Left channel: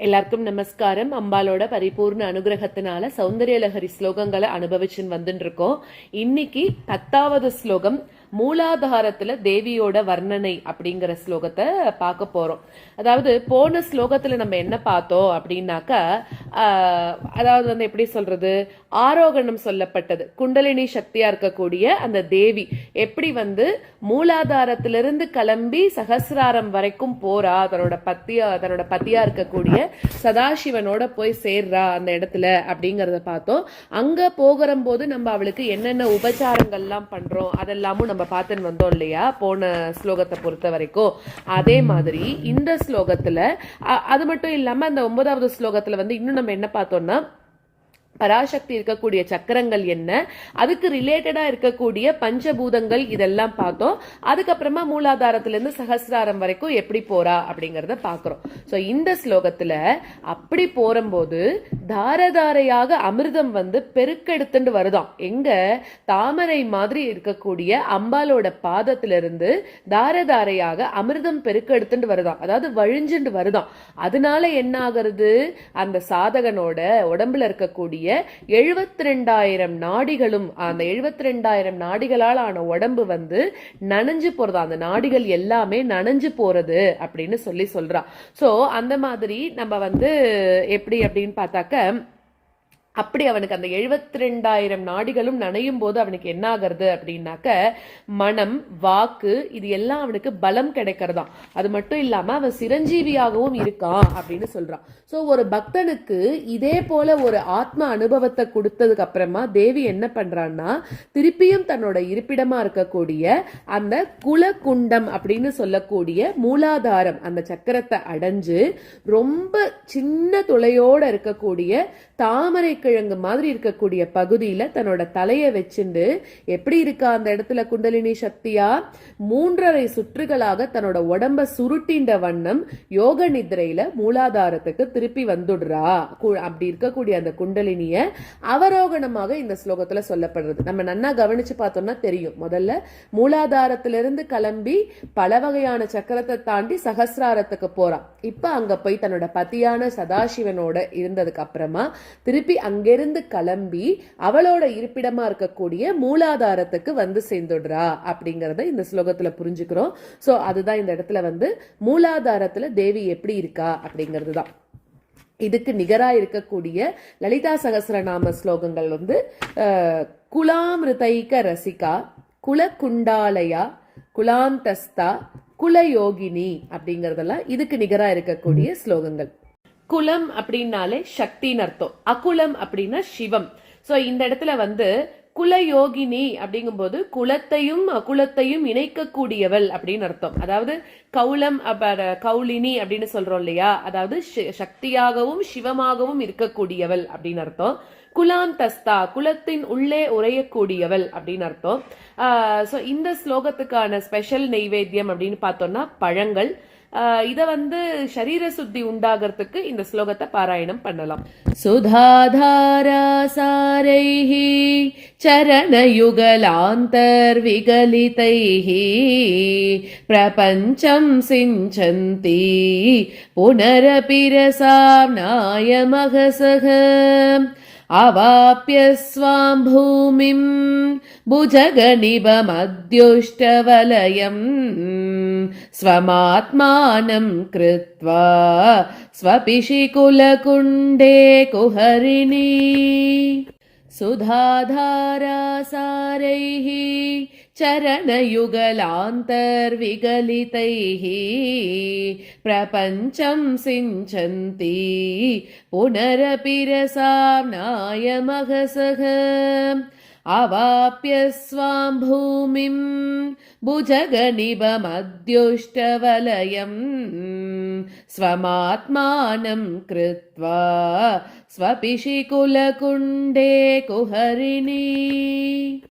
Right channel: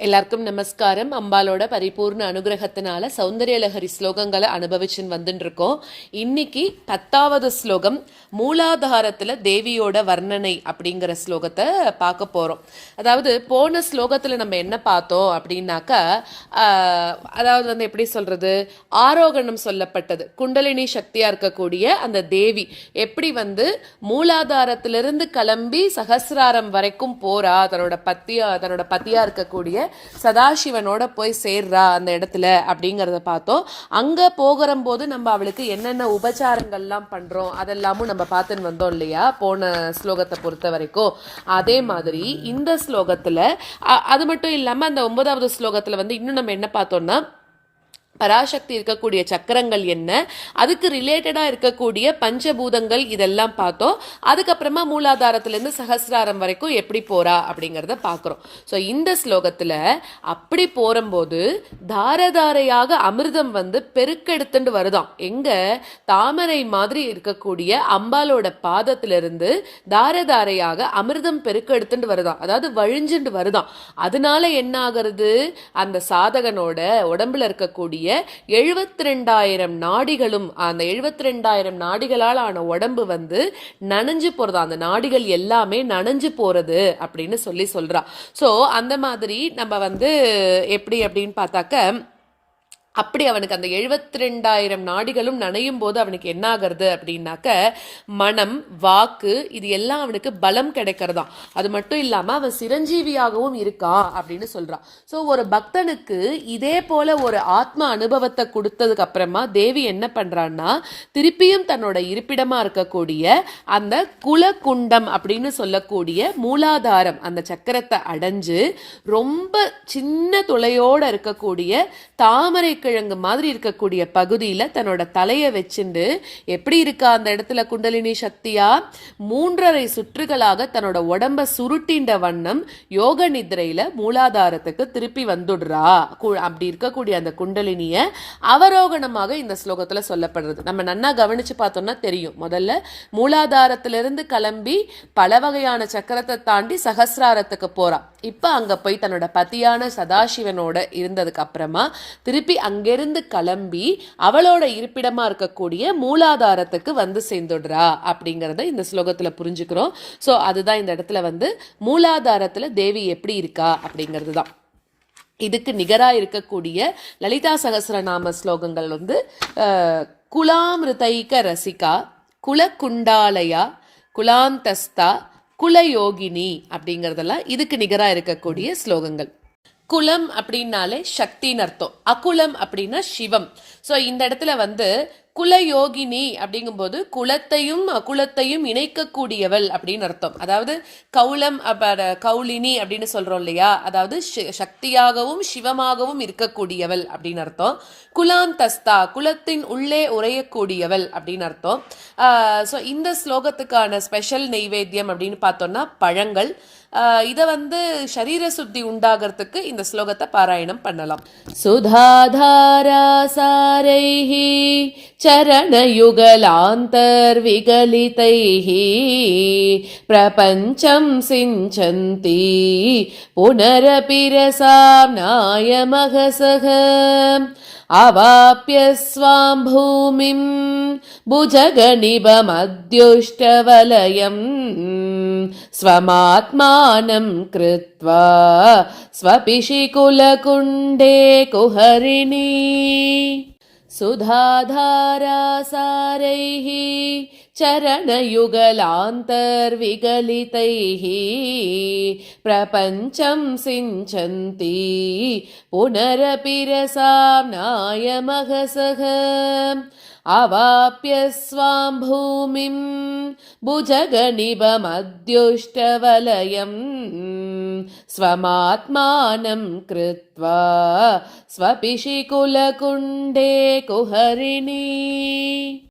எல்லாருக்கும் நமஸ்காரம். அம்பாலோட பரிபூர்ண அனுகிரகத்தினால சௌந்தர்யலஹரி ஸ்லோகங்களை அனுபவிச்சுன்னு வந்துட்டுருக்கோம் இன்னைக்கு பத்தாவது ஸ்லோகம் மூலாதாரத்தில் தேவியோட வர்ணனை அப்படிங்கிற ஸ்லோகத்தை பார்க்க போகிறோம் அதாவது போன ஸ்லோகத்தில் நம்ம என்ன பார்த்தோம் அப்படின்னாக்கா அதாவது வந்து எப்படி சொல்கிறது ஆரோகணம் சொல்லப்பட்டது. குண்டலினி சக்தியாக இருக்கக்கூடிய அந்த தேவி எப்படி வந்து மூலாதாரத்திலிருந்து கிளம்பி சகசிராரம் வரைக்கும் போறா? தன்னோட பத்தியா தன்னோட பத்தியாக இருக்கக்கூடிய சதாசிவனோட போய் சேர்றா அந்த இடத்துல அப்படிங்கிறத பார்த்தோம். அங்கே போகிற போது நம்ம அவளுக்கு என்னென்ன உபச்சாரங்கள்லாம் பண்றோம் அதெல்லாமும் நம்ம பார்த்துன்னு வந்தோம் இல்லையா? போன ஸ்லோகத்தை பொறுத்த வரைக்கும். அதே மாதிரி இந்த ஸ்லோகத்துல அ- அது மட்டும் இல்லாமல் அந்த ஒன்பதாவது ஸ்லோகத்துல வந்து இன்னும் நம்ம என்ன பார்த்தோம்னா பராசக்தி இருக்கக்கூடிய சக்கரங்கள் என்ன? அதுக்கு ரிலேட்டடாக இருக்கக்கூடிய பஞ்சபூதங்கள் இதெல்லாம் பார்த்தோம். அதுக்கப்புறமா மூலாதாரத்திலேருந்து சகசிராரம் வரைக்கும் எப்படி போறா அப்படிங்கிறத பார்க்குறோம். ஸோ இந்த ஸ்லோகத்தில் அப்படி போகிறம்போது தாரதாரையாக அமிர்தம் வந்து பெருக்கெடுத்துட்டு வருதாம். எங்கே? தாமரை மாதிரி இருக்கக்கூடிய அம்பாலோட பாதத்திலிருந்து தாரதாரையாக அமிர்தம் பெருக்கெடுத்துட்டு வருதாம். அதாவது வழிஞ்சுட்டு வருதாம். அதனால என்ன ஆகிறது அந்த சாதகனோட உடம்புல இருக்கக்கூடிய எழுபத்தி ரெண்டாயிரம் நாடிகளும் அந்த எழுபத்தி ரெண்டாயிரம் நாடிகளால் ஆன உடம்பு வந்து நனைஞ்சு போறது? அந்த நாடிகள் எல்லாமே நனைஞ்சு போறது அப்படின்னு சொல்லி சொல்றா. சோ அந்த மாதிரி நம்ம வந்து எப்படி அப்படின்னு பார்த்தாக்க அப்படி அவனுக்கு அந்த எழுபத்தி ரெண்டாயிரம் நாடிகளும் நனையும் போது அவனுக்கு என்ன ஆகிறது அப்படின்னாக்க மனம் வாக்கு இது எல்லாம் அவனுக்கு பலம் கிடைக்கிறதாம். அது மட்டும் இல்லாமல் அவன் சிரஞ்சீவியாகவும் இருக்கான் அப்படின்னு சொல்கிறான் ஸோ ஒரு பக்தனுக்கு இதே போல ஒரு ஆத்ம அனுபவத்தை கொடுத்ததுக்கு அப்புறமா தேவி என்ன பண்ணுறான்னா திருப்பியும் தன்னோட இருப்பிடமாக இருக்கக்கூடிய அந்த குலகுண்டம் அப்படின்னு சொல்லக்கூடிய மூலாதாரம் அந்த சக்கரத்தை அடைஞ்சு ரொம்ப சின்ன துளையோட இருக்கக்கூடிய தாமரைக்கு கிழங்கு மாதிரி இருக்கக்கூடிய பகுதியில் தன்னோட தலையை வச்சுண்டு எப்படி இருக்கா அந்த இடத்துல குண்டலினி சக்தியா? மூன்றரை சுற்றுகளாக தன்னோட உடம்ப சுருட்டின்ற வண்ணம் யோக நிதிரையில மூலாதாரத்துக்கு திருப்பி வந்துடுறா. அப்படி இருக்கக்கூடிய அந்த குண்டலினிய அவரோகணமாக இந்த ஸ்லோகத்துல சொல்லப்படுறது. நம்ம நன்னா கவனிச்சு பார்த்தோம்னா தெரியும். முதல்ல மூலாதாரத்திலிருந்து கிளம்பி பல வகையான சக்கரத்தை தாண்டி சகசிராரத்துக்கு போறா. இப்ப அங்க போய் தன்னோட பதியான சதாசிவனோட இருந்ததுக்கு அப்புறமா திருப்பி அங்க அங்கிருந்து கிளம்பி அவளோட இருப்பிடமா இருக்கக்கூடிய மூலாதாரத்துக்கு வந்து சேர்ந்துடுறா அப்படிங்கிறத இந்த ஸ்லோகத்தில் புரிஞ்சுக்கிறோம். ஸோ அதுதான் இந்த இடத்துல வந்து மூலாதாரத்தில் தேவி எப்படி இருக்கா அப்படிங்கிறது தான். இதுக்கு நிகராக இருக்கக்கூடிய லலிதா சகஸ்ரநாம ஸ்லோகங்கள் வந்து குலாமிருதைக ரசிகா குலகுண்டாலயா குலாந்தஸ்தா குலயோகினி அப்படிங்கிறதெல்லாம் இதுக்கு நிகராக இருக்கக்கூடிய ஸ்லோகங்கள். குலம் அப்படின்னாலே சக்தின்னு அர்த்தம். அகுலம் அப்படின்னா சிவம். ஸோ இந்த இடத்துல வந்து குலயோகினி அப்படிங்கும்போது குலத்தையும் அகுலத்தையும் இணைக்கக்கூடியவள் அப்படின்னு அர்த்தம். அதாவது கௌலம் கௌலினி அப்படின்னு சொல்றோம் இல்லையா? அதாவது சக்தியாகவும் சிவமாகவும் இருக்கக்கூடியவள் அப்படின்னு அர்த்தம். குலாந்தஸ்தா குலத்தின் உள்ளே உரையக்கூடியவள் அப்படின்னு அர்த்தம். ஸோ இந்த ஸ்லோகத்துக்கான ஸ்பெஷல் நெய்வேத்தியம் அப்படின்னு பார்த்தோம்னா பழங்கள். இதை வந்து சரீர சுத்தி உண்டாகிறதுக்கு இந்த ஸ்லோகத்தை பாராயணம் பண்ணலாம். சுதாதாரா சாரைஹி चरणयुगलान्तर्विगलितैः प्रपञ्चं सिञ्चन्ति पुनरपि रसाम्नायमघसः अवाप्य स्वां भूमिं भुजगनिभमद्युष्टवलयम् स्वमात्मानं कृत्वा स्वपिशिकुलकुण्डे कुहरिणी सुधाधारासारैः चरणयुगलान्तर्विगलितैः प्रपञ्चं सिञ्चन्ति पुनरपि रसाम्नायमघसः अवाप्य स्वां भूमिं भुजगनिभमद्युष्टवलयम् स्वमात्मानं कृत्वा स्वपिशिकुलकुण्डे कुहरिणी